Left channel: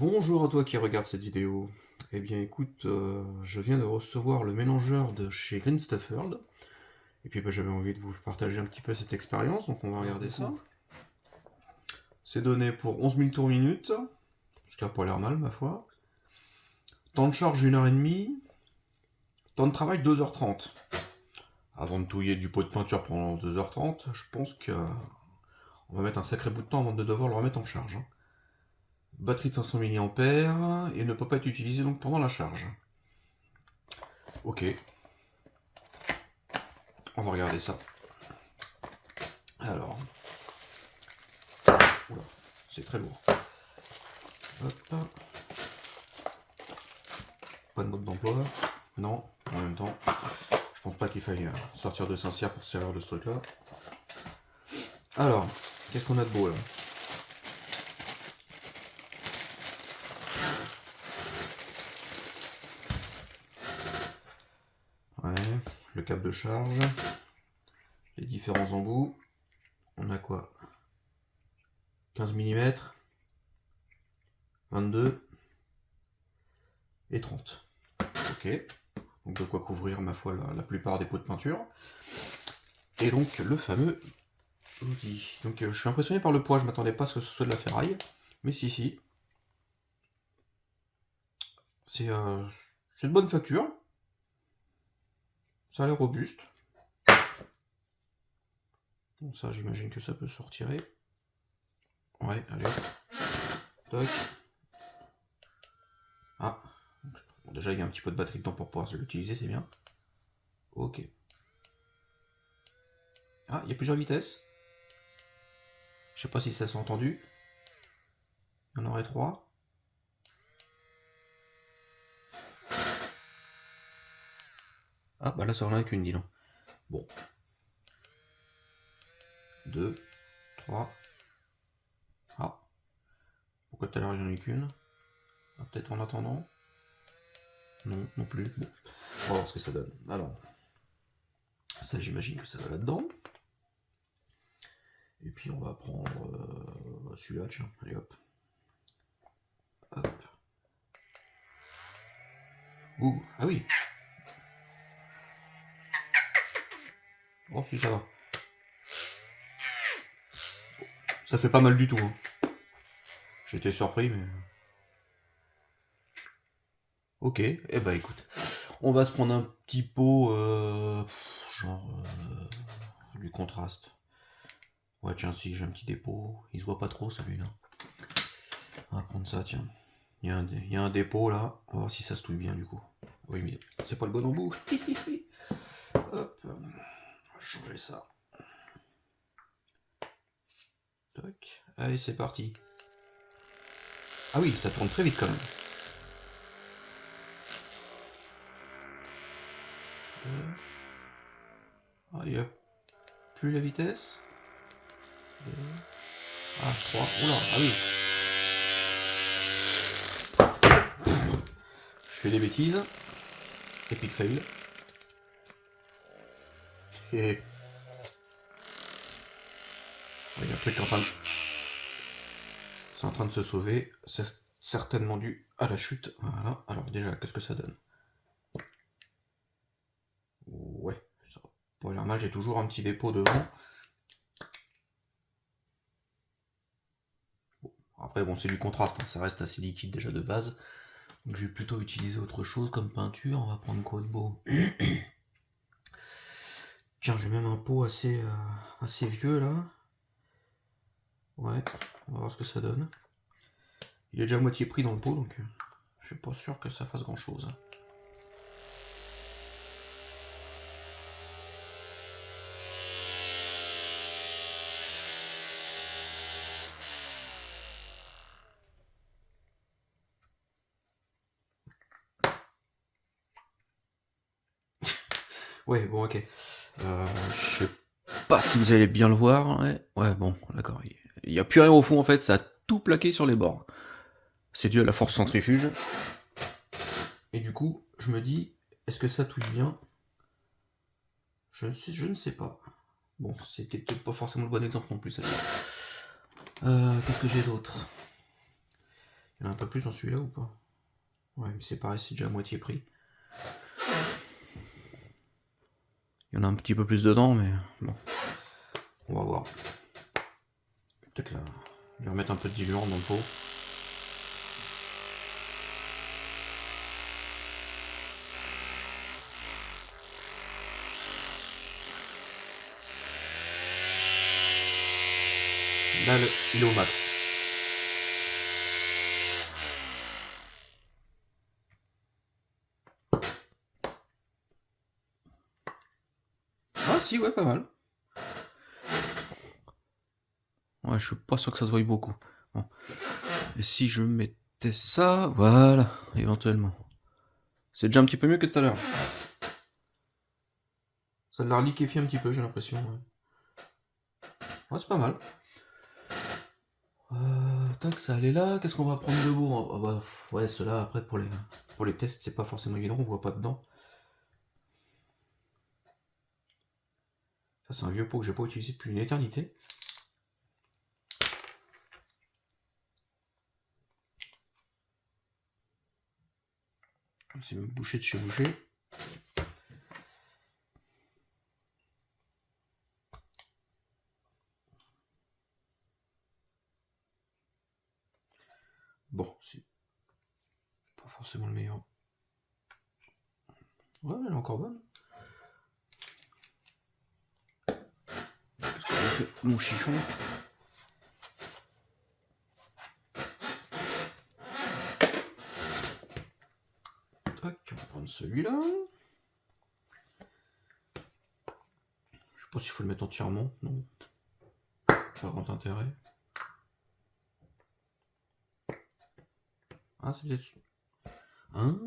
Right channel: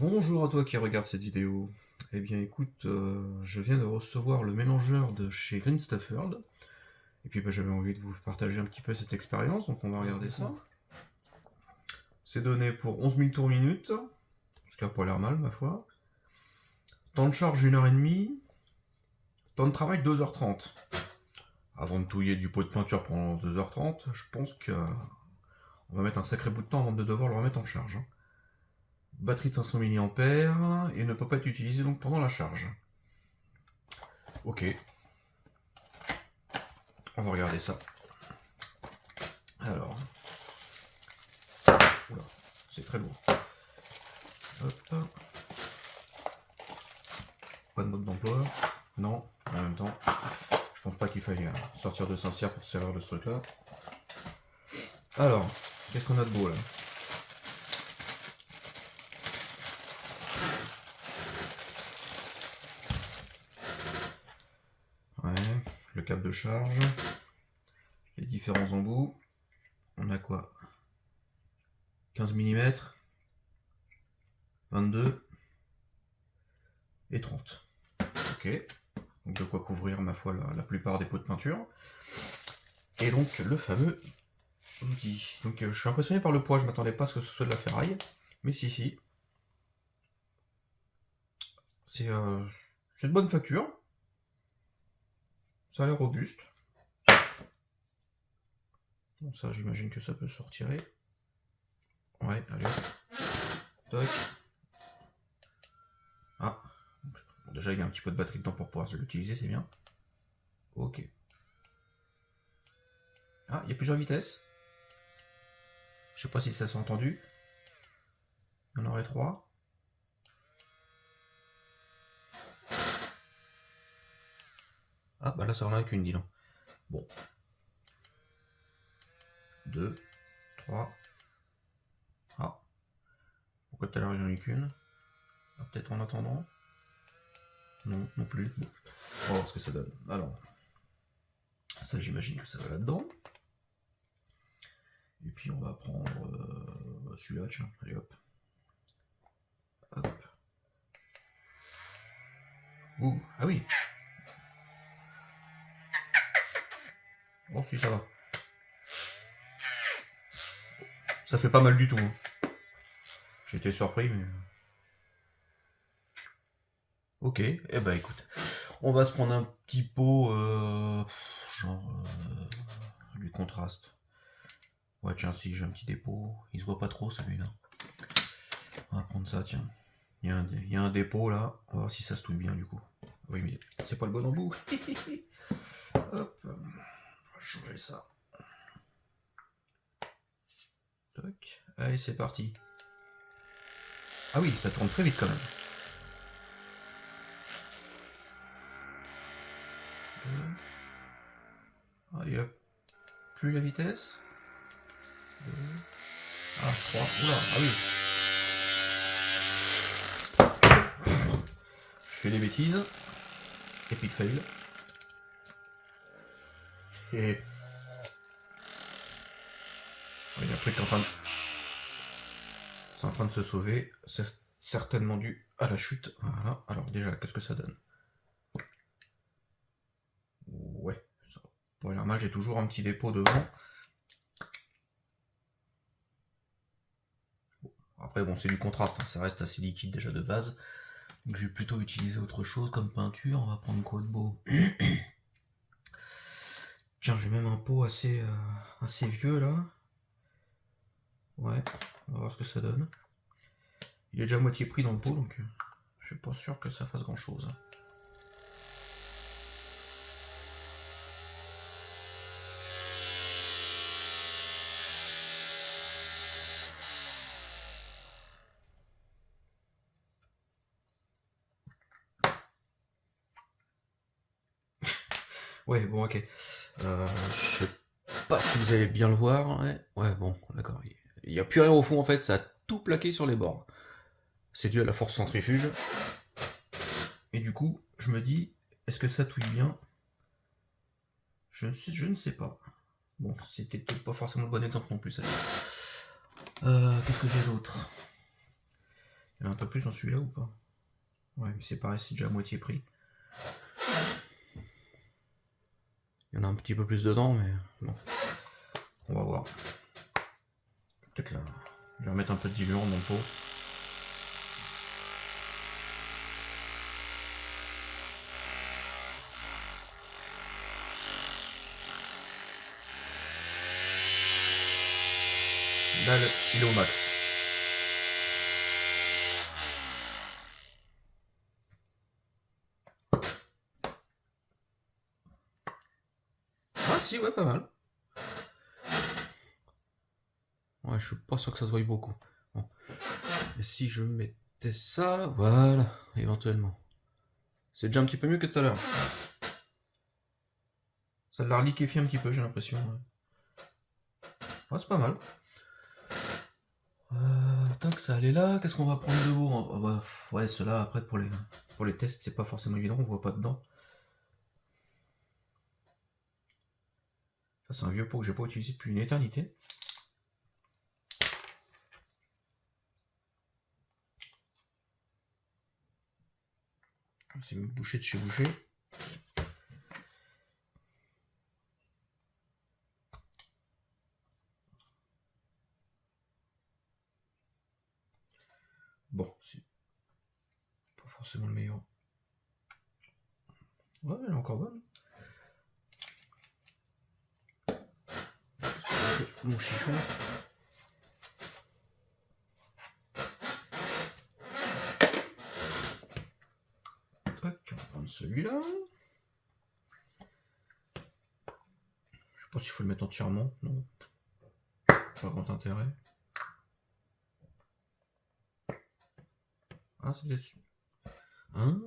Bonjour à toi qui regarde cette vidéo. Eh bien écoute, je viens de recevoir le mélangeur de chez Green Stuff World. Et puis j'avais envie de vous partager un petit peu cette expérience, donc on va regarder ça. C'est donné pour 11 000 tours minute, ce qui n'a pas l'air mal ma foi. Temps de charge 1h30. Temps de travail 2h30. Avant de touiller du pot de peinture pendant 2h30, je pense qu'on va mettre un sacré bout de temps avant de devoir le remettre en charge, hein. Batterie de 500 mAh et ne peut pas être utilisée donc pendant la charge. Ok, on va regarder ça. Alors, oula, c'est très lourd. Hop. Pas de mode d'emploi. Non, en même temps, je pense pas qu'il faille sortir de Saint-Cyr pour se servir de ce truc-là. Alors, qu'est-ce qu'on a de beau là? Ouais, le câble de charge, les différents embouts. On a quoi? 15 mm, 22 et 30. Ok, donc de quoi couvrir ma foi la plupart des pots de peinture. Et donc le fameux outil. Donc je suis impressionné par le poids, je m'attendais pas à ce que ce soit de la ferraille, mais si. C'est de bonne facture. Ça a l'air robuste. Bon, ça, j'imagine que ça peut se retirer. Ouais, allez. Toc. Ah. Bon, déjà, il y a un petit peu de batterie dedans pour pouvoir l'utiliser, c'est bien. Ok. Ah, il y a plusieurs vitesses. Je sais pas si ça s'est entendu. Il y en aurait 3. Ah, bah là, ça en a qu'une, dis donc. Bon. 2, 3. Ah. Pourquoi tout à l'heure, il n'y en a eu qu'une? Ah, peut-être en attendant. Non, non plus. Bon. On va voir ce que ça donne. Alors. Ça, j'imagine que ça va là-dedans. Et puis, on va prendre celui-là, tiens. Allez, hop. Hop. Ouh, ah oui. Oh, si, ça va. Ça fait pas mal du tout, hein. J'ai été surpris, mais... Ok, eh ben écoute. On va se prendre un petit pot, genre... du contraste. Ouais, tiens, si, j'ai un petit dépôt. Il se voit pas trop, celui-là. On va prendre ça, tiens. Il y a un dépôt, là. On va voir si ça se touille bien, du coup. Oui, mais c'est pas le bon embout. Hop. On va changer ça. Toc. Allez, c'est parti. Ah oui, ça tourne très vite, quand même. Ah, il y a plus la vitesse. Ah, 3. Oula, ah oui. Je fais des bêtises. Epic fail. Et... il y a un truc en train de... C'est en train de se sauver. C'est certainement dû à la chute. Voilà. Alors déjà, qu'est-ce que ça donne? Ouais, ça n'a pas l'air mal. J'ai toujours un petit dépôt devant. Bon. Après, bon, c'est du contraste, hein. Ça reste assez liquide déjà de base. Donc je vais plutôt utiliser autre chose comme peinture. On va prendre quoi de beau? Tiens, j'ai même un pot assez vieux là. Ouais, on va voir ce que ça donne. Il est déjà à moitié pris dans le pot, donc je suis pas sûr que ça fasse grand chose. Ouais, bon, ok. Je sais pas si vous allez bien le voir. Ouais, bon, d'accord. Il n'y a plus rien au fond en fait, ça a tout plaqué sur les bords. C'est dû à la force centrifuge. Et du coup, je me dis, est-ce que ça touille bien? Je ne sais pas. Bon, c'était peut-être pas forcément le bon exemple non plus, celle-là. Qu'est-ce que j'ai d'autre? Il y en a un peu plus dans celui-là ou pas? Ouais, mais c'est pareil, c'est déjà à moitié prix. Il y en a un petit peu plus dedans, mais bon. On va voir. Peut-être là. Je vais remettre un peu de diluant dans le pot. Là, il est au max. Ah si, ouais, pas mal. Ouais, je suis pas sûr que ça se voie beaucoup. Bon. Et si je mettais ça, voilà, éventuellement. C'est déjà un petit peu mieux que tout à l'heure. Ça l'a reliquéfié un petit peu, j'ai l'impression. Ouais, c'est pas mal. Tac, ça allait là. Qu'est-ce qu'on va prendre de beau? Ah bah, ouais, ceux-là, après, pour les tests, c'est pas forcément évident, on voit pas dedans. Ça, c'est un vieux pot que j'ai pas utilisé depuis une éternité. C'est une bouchée de chez Boucher. Bon, c'est pas forcément le meilleur. Ouais, elle est encore bonne. Mon chiffon. Tac, on va prendre celui-là. Je sais pas s'il faut le mettre entièrement, non. Pas grand intérêt. Ah, c'est peut-être... Hein,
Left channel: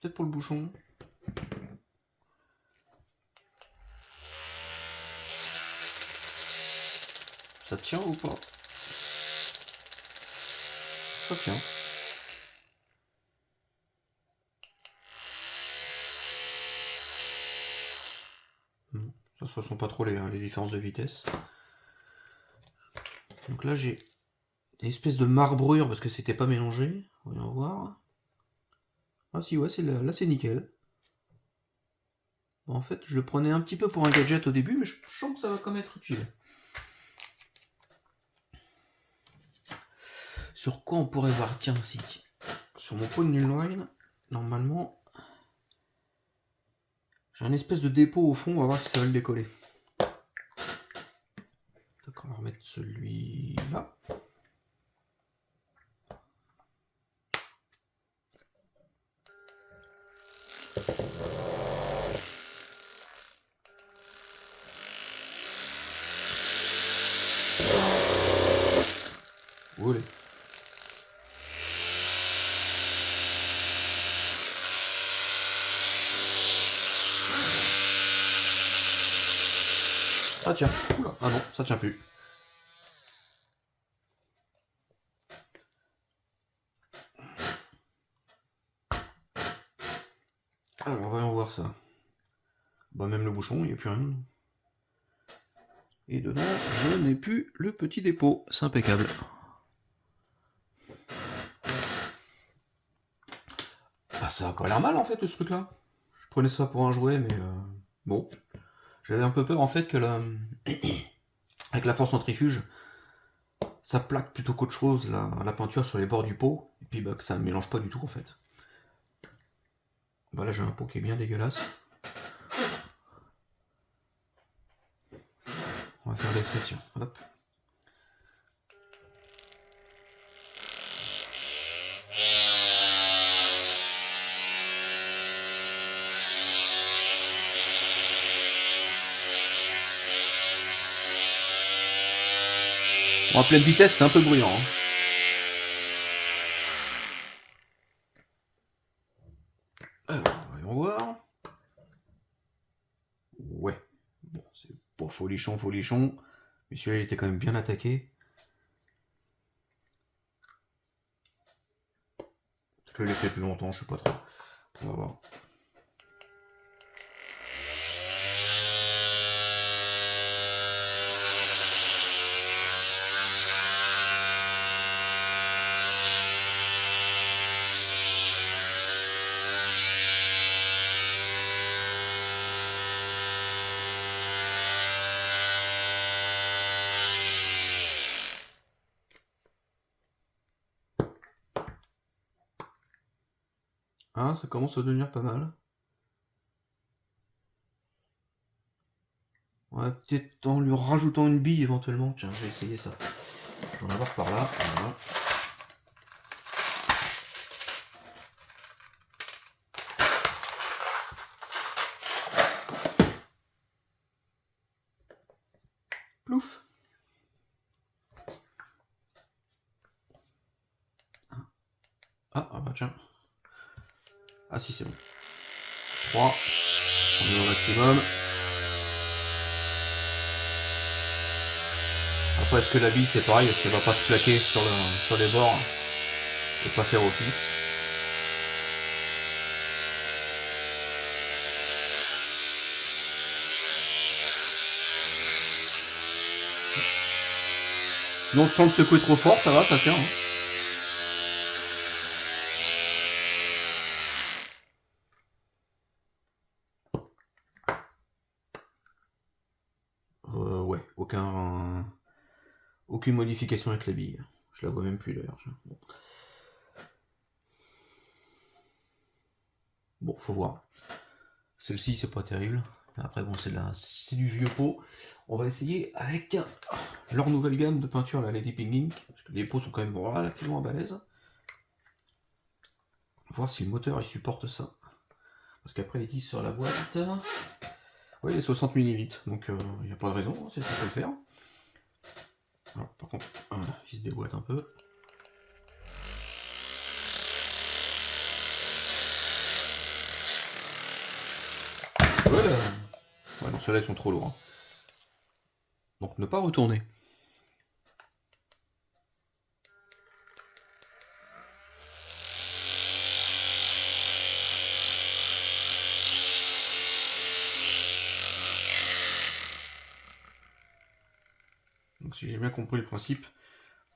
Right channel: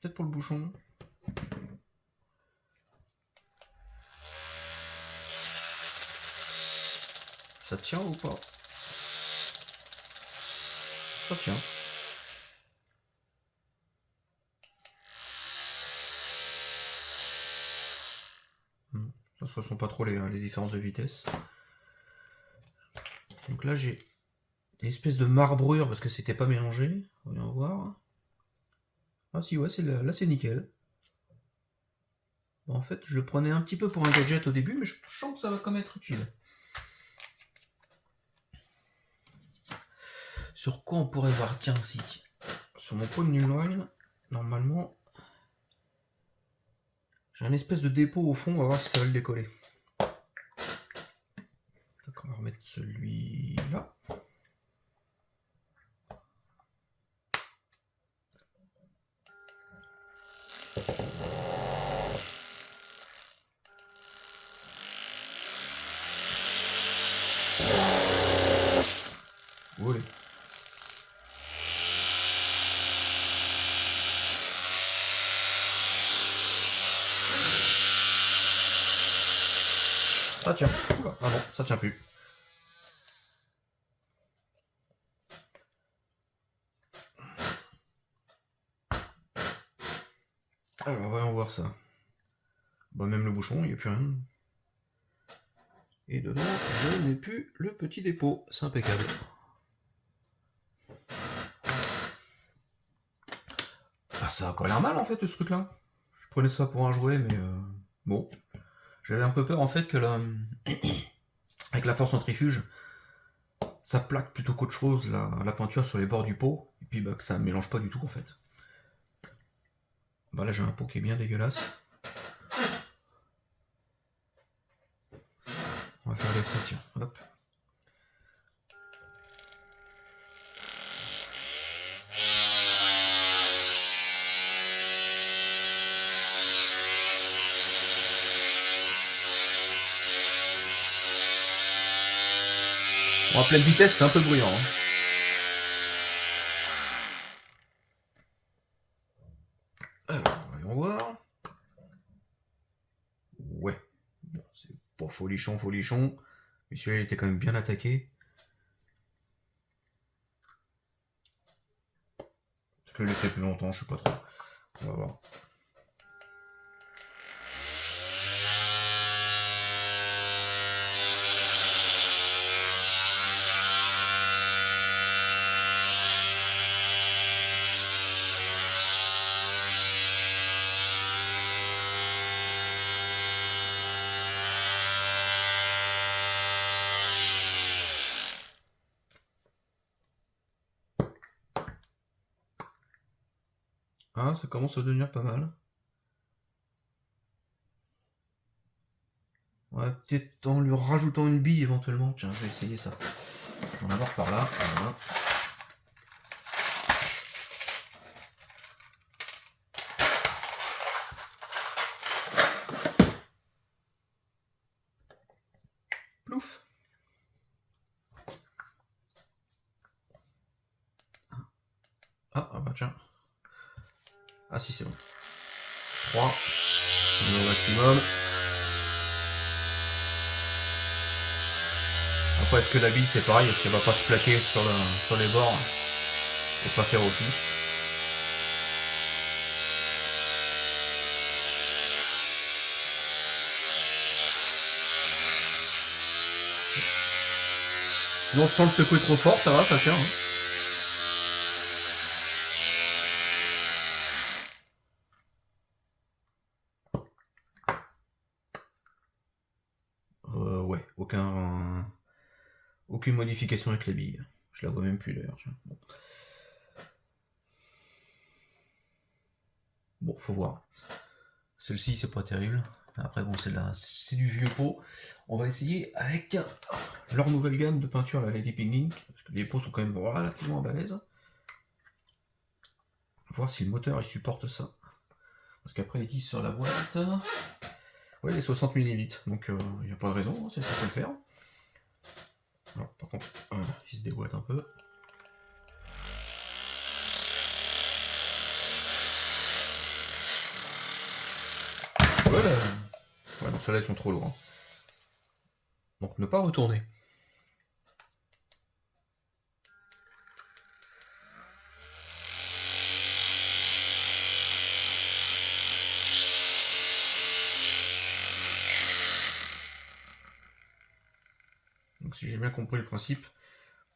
peut-être pour le bouchon. Ça tient ou pas? Ça tient. Ça se ressent pas trop les différences de vitesse. Donc là j'ai une espèce de marbrure parce que c'était pas mélangé. Voyons voir. Ah si ouais, là c'est nickel. Bon, en fait je le prenais un petit peu pour un gadget au début, mais je sens que ça va quand même être utile. Sur quoi on pourrait voir? Tiens, si. Sur mon pot de Nulwine, normalement, j'ai un espèce de dépôt au fond, on va voir si ça va le décoller. Donc on va remettre celui-là. Voilà. Ça tient. Ah non, ça tient plus. Alors voyons voir ça. Bah même le bouchon, il n'y a plus rien. Et dedans, je n'ai plus le petit dépôt. C'est impeccable. Ah, ça a pas l'air mal en fait ce truc là. Je prenais ça pour un jouet, mais bon. J'avais un peu peur en fait que avec la force centrifuge, ça plaque plutôt qu'autre chose la peinture sur les bords du pot, et puis bah, que ça ne mélange pas du tout en fait. Bah là j'ai un pot qui est bien dégueulasse. On va faire l'essai, tiens. Hop. En pleine vitesse, c'est un peu bruyant. Alors, voyons voir. Ouais. Bon, c'est pas folichon, folichon. Mais celui-là, il était quand même bien attaqué. Je vais le laisser plus longtemps, je sais pas trop. On va voir. Ah, ça commence à devenir pas mal. Ouais, peut-être en lui rajoutant une bille éventuellement. Tiens, je vais essayer ça. On va voir par là. Voilà. Plouf. Ah bah tiens. Ah si, c'est bon. 3. On est au maximum. Après, est-ce que la bille c'est pareil? Est-ce qu'elle va pas se plaquer sur les bords et pas faire office? Sinon, sans le secouer trop fort, ça va passer. Hein. Ouais, aucune modification avec la bille. Je la vois même plus d'ailleurs. Bon, faut voir. Celle-ci, c'est pas terrible. Après, bon, c'est du vieux pot. On va essayer avec leur nouvelle gamme de peinture, la Lady Pink. Parce que les pots sont quand même relativement balèzes. Voir si le moteur il supporte ça. Parce qu'après, ils disent sur la boîte. Oui, les 60 mm. Donc, il n'y a pas de raison, hein, c'est ça qu'on peut le faire. Alors, par contre, il se déboîte un peu. Voilà. Ouais, non, ceux-là, ils sont trop lourds. Hein. Donc, ne pas retourner. Donc, si j'ai bien compris le principe,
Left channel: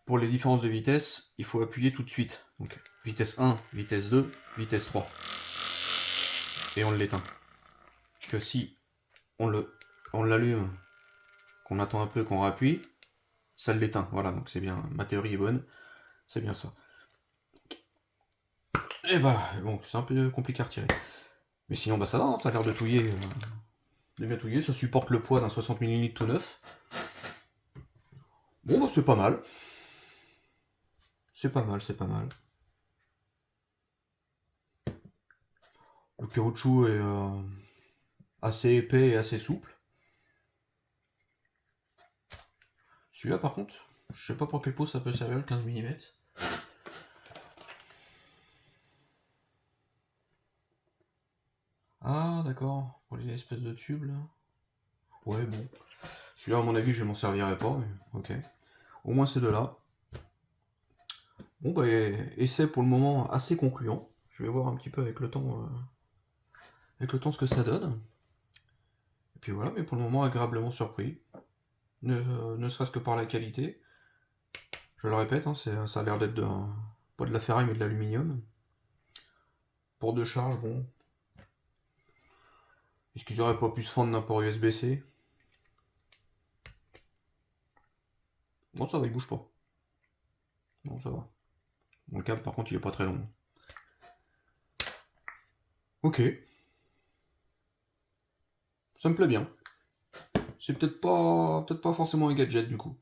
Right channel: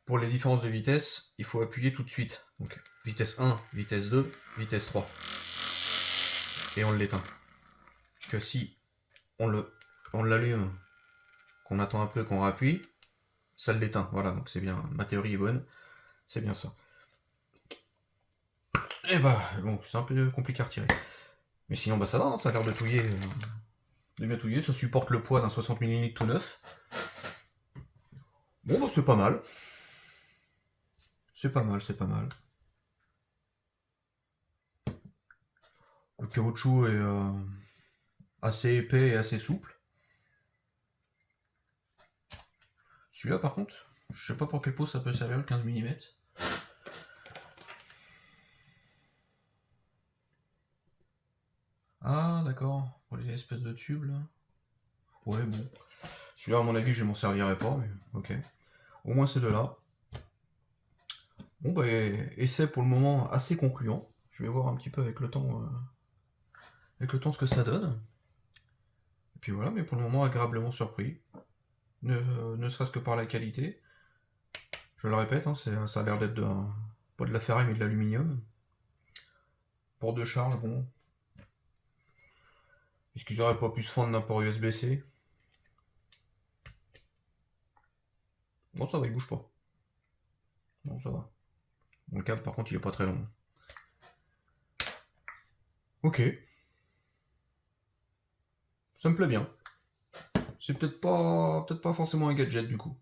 pour les différences de vitesse, il faut appuyer tout de suite. Donc, vitesse 1, vitesse 2, vitesse 3. Et on l'éteint. Parce que si on l'allume, qu'on attend un peu, qu'on rappuie, ça l'éteint. Voilà, donc c'est bien. Ma théorie est bonne. C'est bien ça. Et bah, bon, c'est un peu compliqué à retirer. Mais sinon, bah ça va, hein, ça a l'air de touiller. De bien touiller. Ça supporte le poids d'un 60 mm tout neuf. Bon, bah c'est pas mal. C'est pas mal, c'est pas mal. Le caoutchouc est assez épais et assez souple. Celui-là, par contre, je sais pas pour quel pot ça peut servir, le 15 mm. Ah, d'accord, pour les espèces de tubes, là. Ouais, bon. Celui-là, à mon avis, je m'en servirai pas, mais ok. Au moins ces deux-là. Bon, bah, essai pour le moment assez concluant. Je vais voir un petit peu avec le temps ce que ça donne. Et puis voilà, mais pour le moment, agréablement surpris. Ne serait-ce que par la qualité. Je le répète, hein, ça a l'air d'être pas de la ferraille, mais de l'aluminium. Port de charge, bon. Est-ce qu'ils auraient pas pu se fendre d'un port USB-C? Non, ça va, il bouge pas. Non, ça va. Bon, le câble, par contre, il est pas très long. Ok. Ça me plaît bien. C'est peut-être pas forcément un gadget, du coup.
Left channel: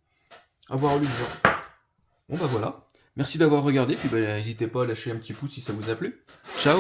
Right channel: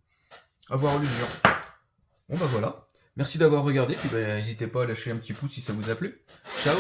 À voir l'usure. Bon, bah voilà. Merci d'avoir regardé, puis bah, n'hésitez pas à lâcher un petit pouce si ça vous a plu. Ciao!